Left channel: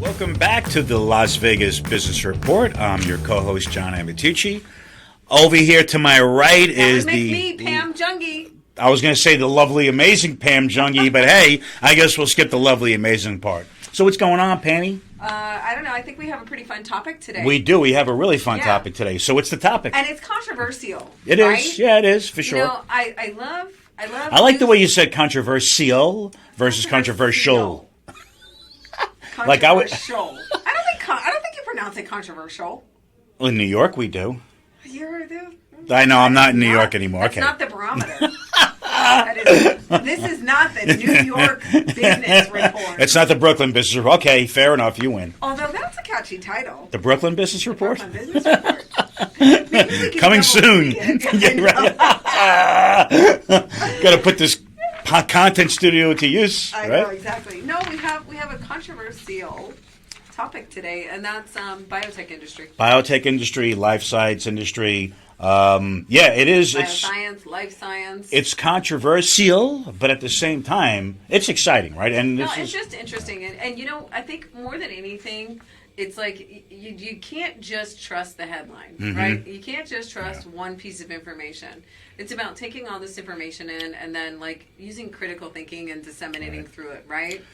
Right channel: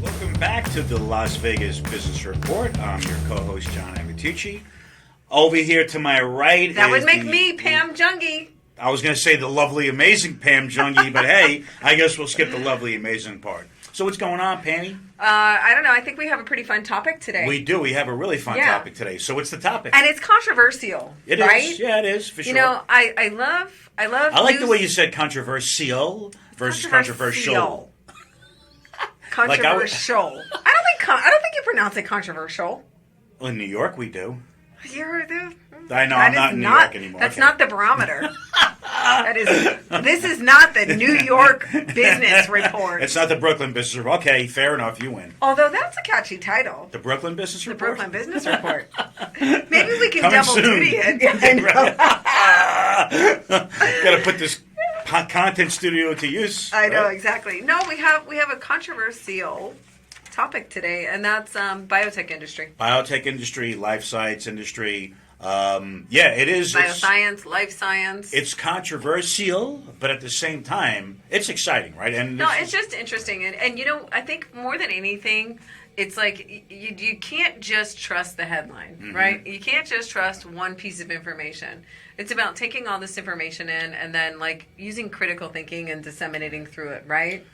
Welcome back to the Las Vegas Business Report. I'm your co-host, John Amidst. Over here to my right that is would make me Pam Jungi. I was going to say the lovely, amazing Pam Jungi, but hey, I guess we'll skip the lovely, amazing part. So what's going on, Pammy? I don't know. I think we have a pretty fun topic today. We do. We have a really fun topic today. So what's the topic? And it's controversial. It right? is. Yeah, it is, for sure. You know, I love I like the way you said controversial versus controversial. Controversial. I don't think you pronounce it controversial. Well, in New York, we do. I know. I'm not in New York anymore. That's okay. not the barometer. This is not the New York Business Report. It's not the Brooklyn Business Report. Okay, fair enough. You win. Although that's a catchy title. The Brooklyn Business Report? The Brooklyn Business Report. Maybe we can Coming soon. Got to put this content studio to use. I know, exactly. No, we have a controversial topic today, and that's biotech industry. Biotech industry, life science industry. It is. Bioscience, life science. It's controversial, but at the same time, it's exciting, right? And it's just interesting. And you know, I think more than anything, it's like you can't just trust the headline, right? You can't just trust one piece of information. It's about taking all this information in and then like using critical thinking and disseminating through it, right?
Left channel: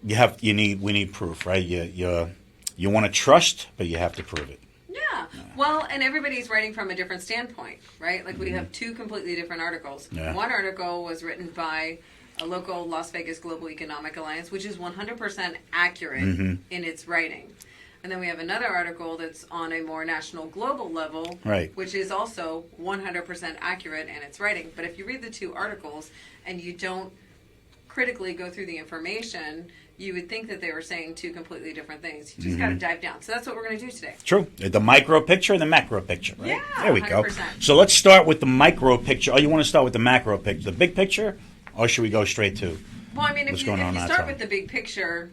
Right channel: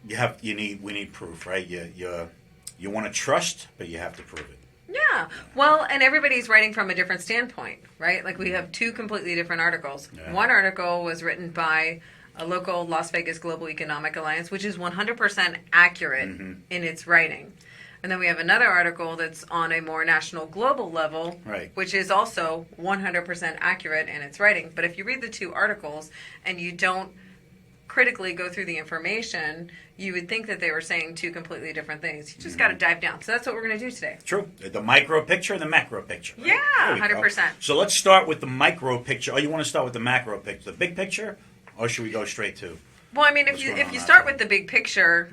We need proof, right? You want to trust, but you have to prove it. Yeah. Well, and everybody's writing from a different standpoint, right? Like we have two completely different articles. Yeah. One article was written by a local Las Vegas Global Economic Alliance, which is 100% accurate in its writing. And then we have another article that's on a more national global level, right, which is also 100% accurate in its writing. But if you read the two articles and you don't critically go through the information, you would think that they were saying two completely different things. You just got to dive down. So that's what we're going to do today. True. The micro picture and the macro picture. Right? Yeah, there we 100%. go. So let's start with the micro picture. Oh, you want to start with the macro picture, the big picture, or should we go straight to? Well, I mean, if you start with the big picture,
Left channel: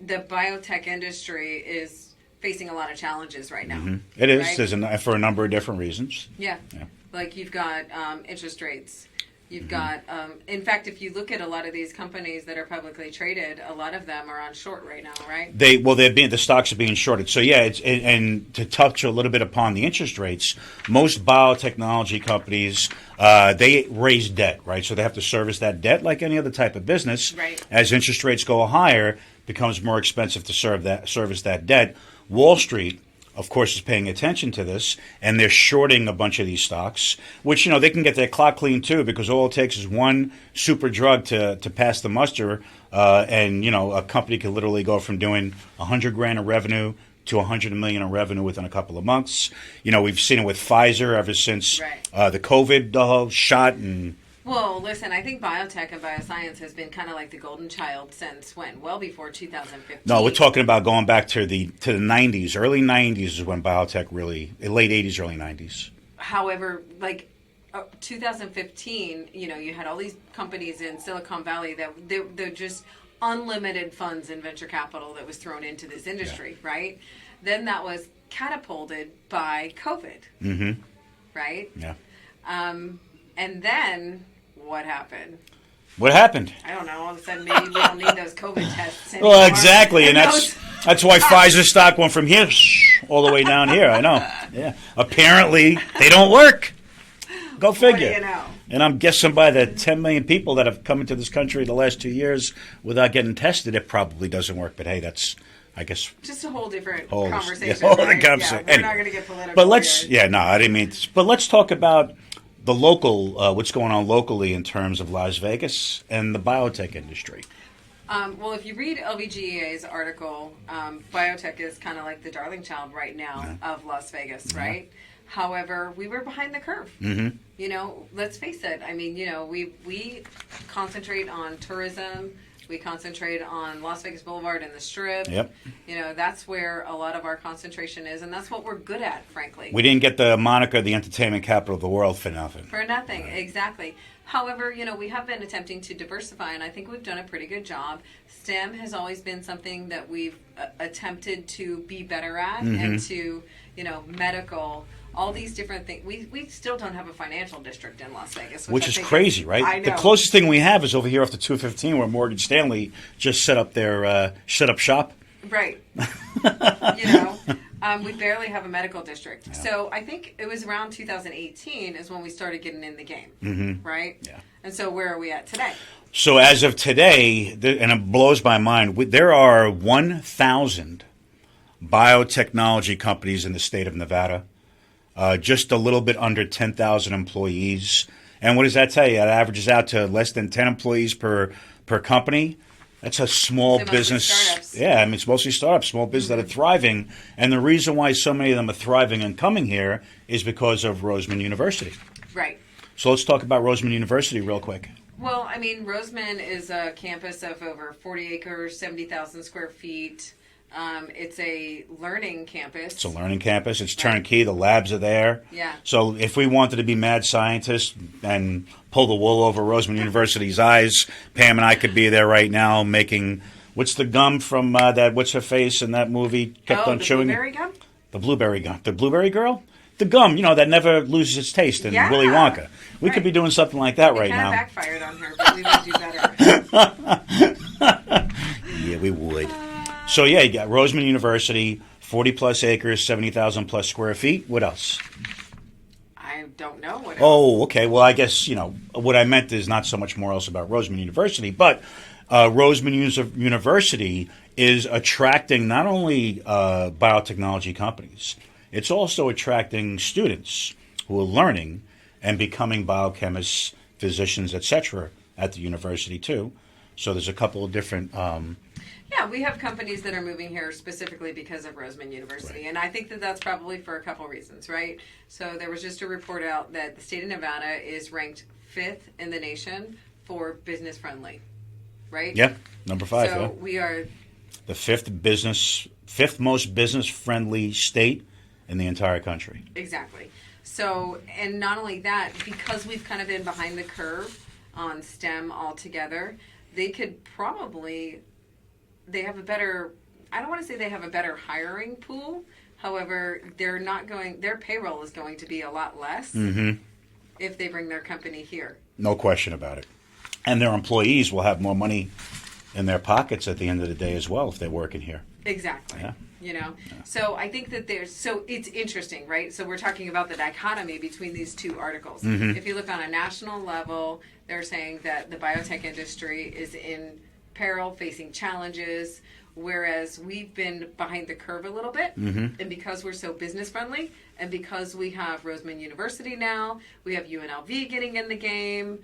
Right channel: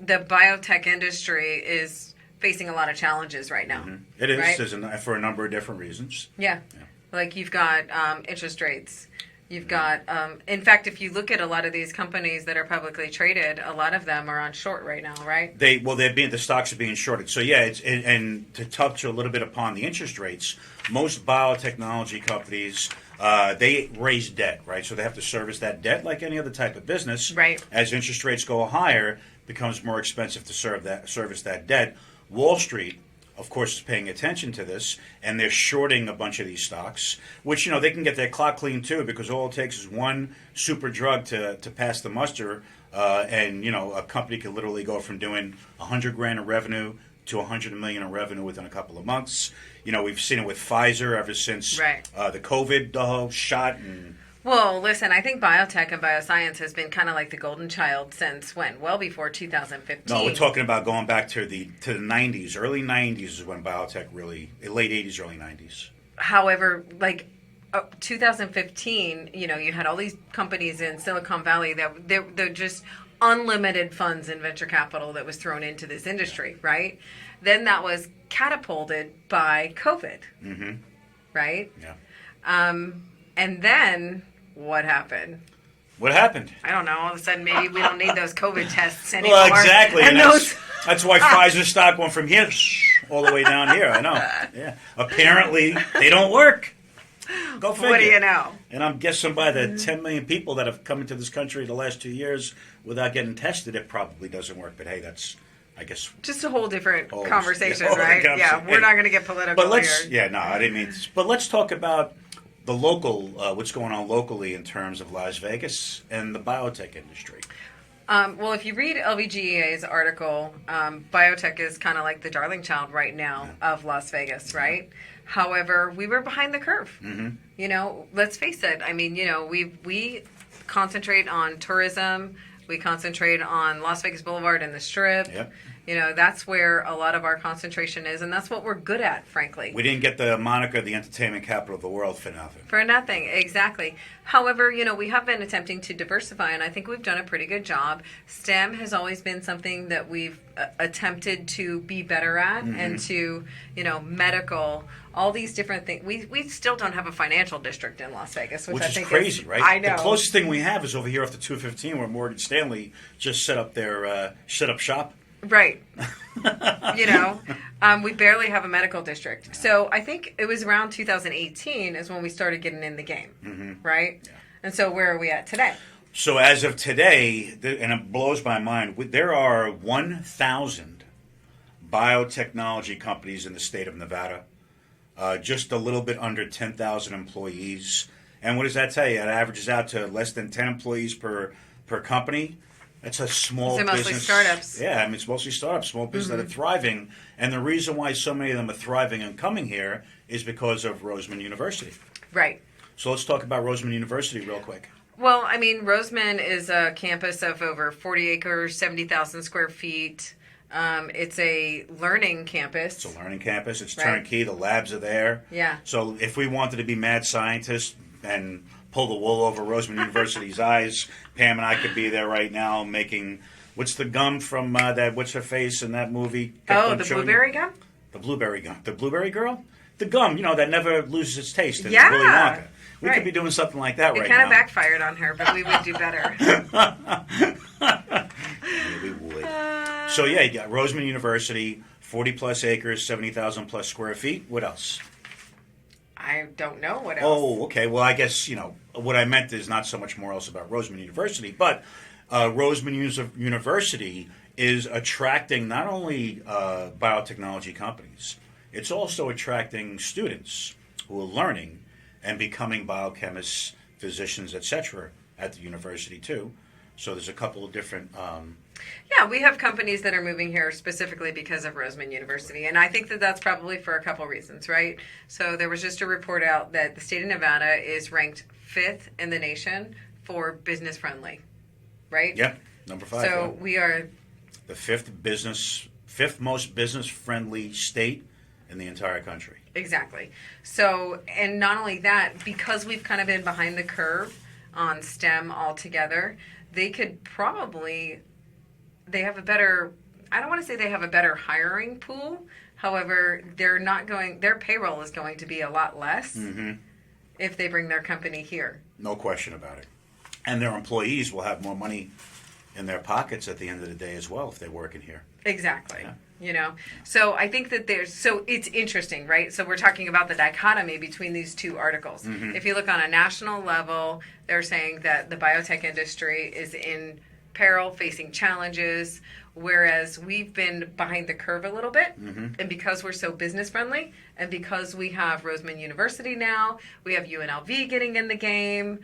the biotech industry is facing a lot of challenges right now. It is. Right? There's for a number of different reasons. Yeah. Like you've got interest rates. You've got, in fact, if you look at a lot of these companies that are publicly traded, a lot of them are on short right now, right? The stocks are being shorted. So yeah, and to touch a little bit upon the interest rates, most biotechnology companies they raise debt, right? So they have to service that debt like any other type of business. Right. As interest rates go higher, it becomes more expensive to service that debt. Wall Street, of course, is paying attention to this, and they're shorting a bunch of these stocks, which, they can get their clock clean too, because all it takes is one super drug to pass the muster, and a company could literally go from doing $100,000 of revenue to $100 million in revenue within a couple of months. We've seen it with Pfizer ever since the COVID shot. And well, listen, I think biotech and bioscience has been kind of like the golden child since when? Well before 2015. No, we're talking about going back to the 90s. Early 90s is when biotech really, late 80s, early 90s. However, 2015, you had all these companies in Silicon Valley that they're just unlimited funds and venture capital that was thrown into this industry, right? Then that was catapulted by COVID, right? Yeah. And then what happened? What happened? I don't know. All of a sudden, maybe we don't need those COVID tests anymore. Well, exactly, and that's why Pfizer stock went from here all the way down here. I know. Yeah. Apparently, they don't work. Go figure. What do you know? And I'm guessing by the 10 million people that have come into this country the last 2 years without getting tested, it probably doesn't work. But hey, that's, I guess, just a whole different conversation, right? Yeah, we're not going to get political. But I didn't mean. But let's talk about the local, what's going on locally in terms of Las Vegas and the biotech industry. Well, if you read LVGEA's article, biotech is kind of like the darling child right now of Las Vegas, right? However, we were behind the curve. Let's face it. I mean, we concentrate on tourism. We concentrate on Las Vegas Boulevard and the Strip. Yep. That's where a lot of our concentration is, and that's what we're good at, frankly. We didn't get the moniker the entertainment capital of the world for nothing. For nothing, exactly. However, we have been attempting to diversify, and I think we've done a pretty good job. STEM has always been something that we've attempted to be better at, and to, medical, all these different things. We still don't have a financial district in Las Vegas, which I is think crazy, right? I know. The closest thing we have is over here off the 215 where Morgan Stanley just set up shop. Right. We barely have a medical district. Yeah. So I think it was around 2018 is when we started getting in the game, right? Yeah. And so where are we at today? So as of today, and it blows my mind, there are 1,000 biotechnology companies in the state of Nevada, just a little bit under 10,000 employees. And what does that tell you? It averages out to less than 10 employees per company. That's a small business. Startups. Yeah, I mean, it's mostly startups, small business that are thriving. And the reason why so many of them are thriving and coming here is because of Roseman University. Right. So let's talk about Roseman University real quick. Well, I mean, Roseman is a campus of over 40 acres, 70,000 square feet. It's a learning campus. It's a learning campus. It's turnkey. The labs are there. Yeah. So if we wanted to be mad scientists and pull the wool over Roseman University's eyes, Pam and I could be there right now making, what's the gum from that, what's her face in that movie? Blueberry gum? The blueberry gum. The blueberry girl? The gum, that never loses its taste in Willy Wonka. We could be doing something like that right now. It kind of backfired on her, but we would do better. Yeah, we would. So, yeah, you got Roseman University, 40-plus acres, 70,000-plus square feet. What else? I don't know what else. Oh, okay. Well, I guess, what I meant is not so much more else about Roseman University, but Roseman University is attracting not only biotechnology companies, it's also attracting students who are learning and becoming biochemists, physicians, etc. at the university, too. So there's a couple of different... we have companies that are moving here specifically because of Roseman University. Right. And I think that that's probably for a couple reasons, right? So there was just a report out that the state of Nevada is ranked 5th in the nation for business friendly, right? Yeah, number 5. So we are... the fifth most business friendly state in the entire country. Exactly. So, and not only that, because we've kind of been behind the curve on STEM altogether, they could probably... they have a better, I don't want to say they have a better hiring pool. However, their payroll is going to be a lot less if they bring their company here. No question about it. And their employees will have more money in their pockets at the end of the day as well if they're working here. Exactly. Yeah. So I think that it's interesting, right? So we're talking about the dichotomy between these two articles. If you look on a national level, they're saying that the biotech industry is in peril, facing challenges, whereas we've been behind the curve a little bit. And because we're so business friendly, and because we have Roseman University now, we have UNLV getting in the game,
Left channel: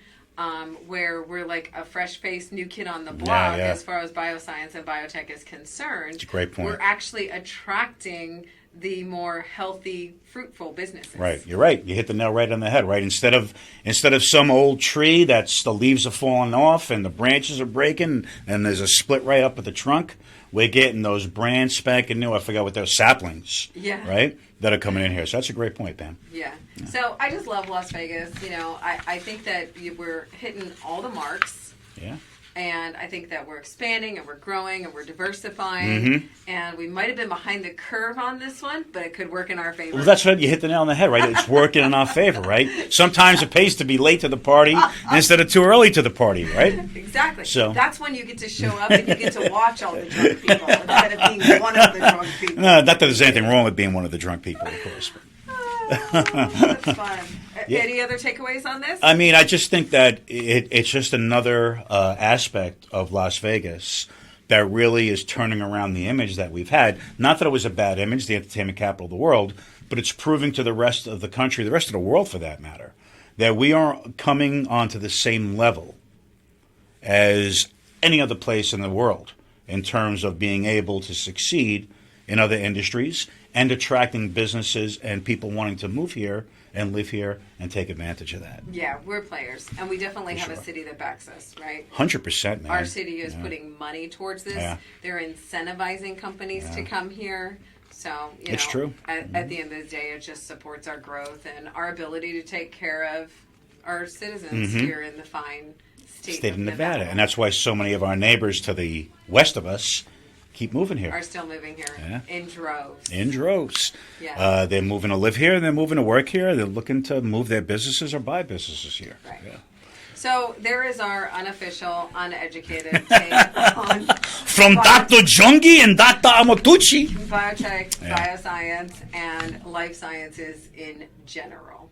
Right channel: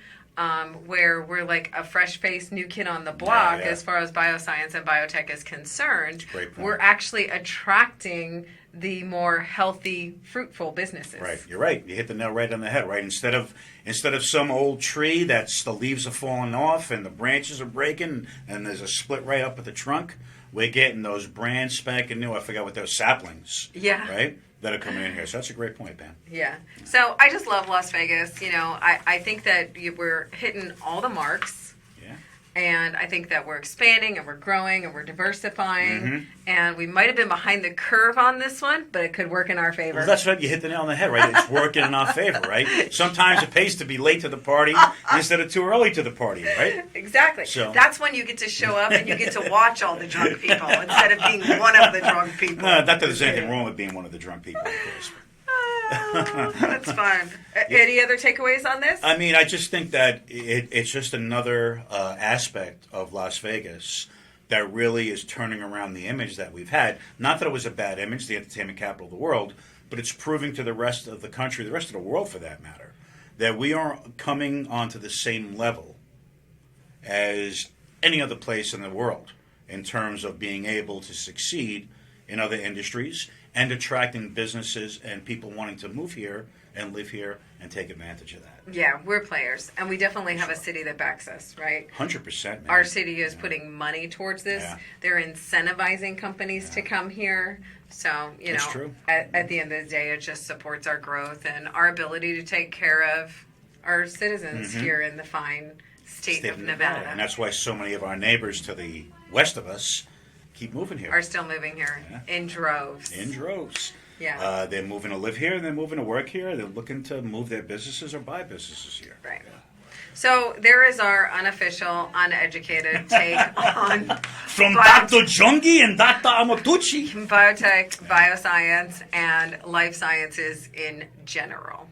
where we're like a fresh-faced new kid on the block as far as bioscience and biotech is concerned. That's a great point. We're actually attracting the more healthy, fruitful businesses. Right, you're right. You hit the nail right on the head. Right, instead of some old tree that's the leaves are falling off and the branches are breaking and there's a split right up at the trunk, we're getting those brand spanking new. I forgot what they're, saplings. Yeah. Right, that are coming in here. So that's a great point, Pam. Yeah. So I just love Las Vegas. I think that we're hitting all the marks. Yeah. And I think that we're expanding and we're growing and we're diversifying. And we might have been behind the curve on this one, but it could work in our favor. Well, that's right. You hit the nail on the head, right? It's working in our favor, right? Sometimes it pays to be late to the party instead of too early to the party, right? Exactly. So that's when you get to show up and you get to watch all the drunk people instead of being one of the drunk people. Not that there's anything wrong with being one of the drunk people, of course. That's fine. Any other takeaways on this? I mean, I just think that it's just another aspect of Las Vegas that really is turning around the image that we've had. Not that it was a bad image, the entertainment capital of the world, but it's proving to the rest of the country, the rest of the world for that matter, that we are coming onto the same level as any other place in the world in terms of being able to succeed in other industries and attracting businesses and people wanting to move here and live here and take advantage of that. Yeah, we're players, and we definitely have a city that backs us, right? 100%, man. Our city is putting money towards this. Yeah. They're incentivizing companies to come here. So, it's true. At the end of the day, it just supports our growth and our ability to take care of our citizens here in the fine state of Nevada. And that's why so many of our neighbors to the west of us keep moving here. are still moving here in droves. In droves. Yeah. They're moving to live here, and they're moving to work here. They're looking to move their businesses or buy businesses here. Right. Yeah. So there is our unofficial, uneducated take on From Dr. Jungi and Dr. Amatucci. biotech, bioscience, and life sciences in general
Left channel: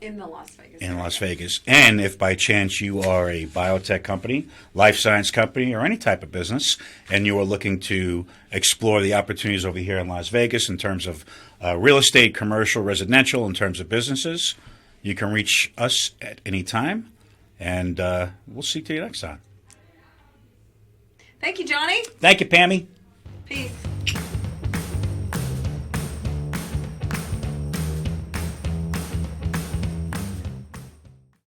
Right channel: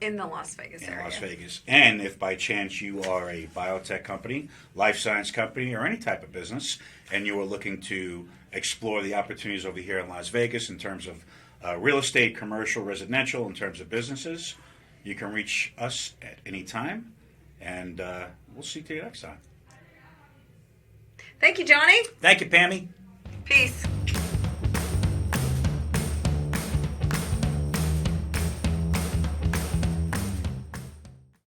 in the Las Vegas In area. Las Vegas. And if by chance you are a biotech company, life science company, or any type of business, and you are looking to explore the opportunities over here in Las Vegas in terms of real estate, commercial, residential, in terms of businesses, you can reach us at any time, and we'll see you next time. Thank you, Johnny. Thank you, Pammy.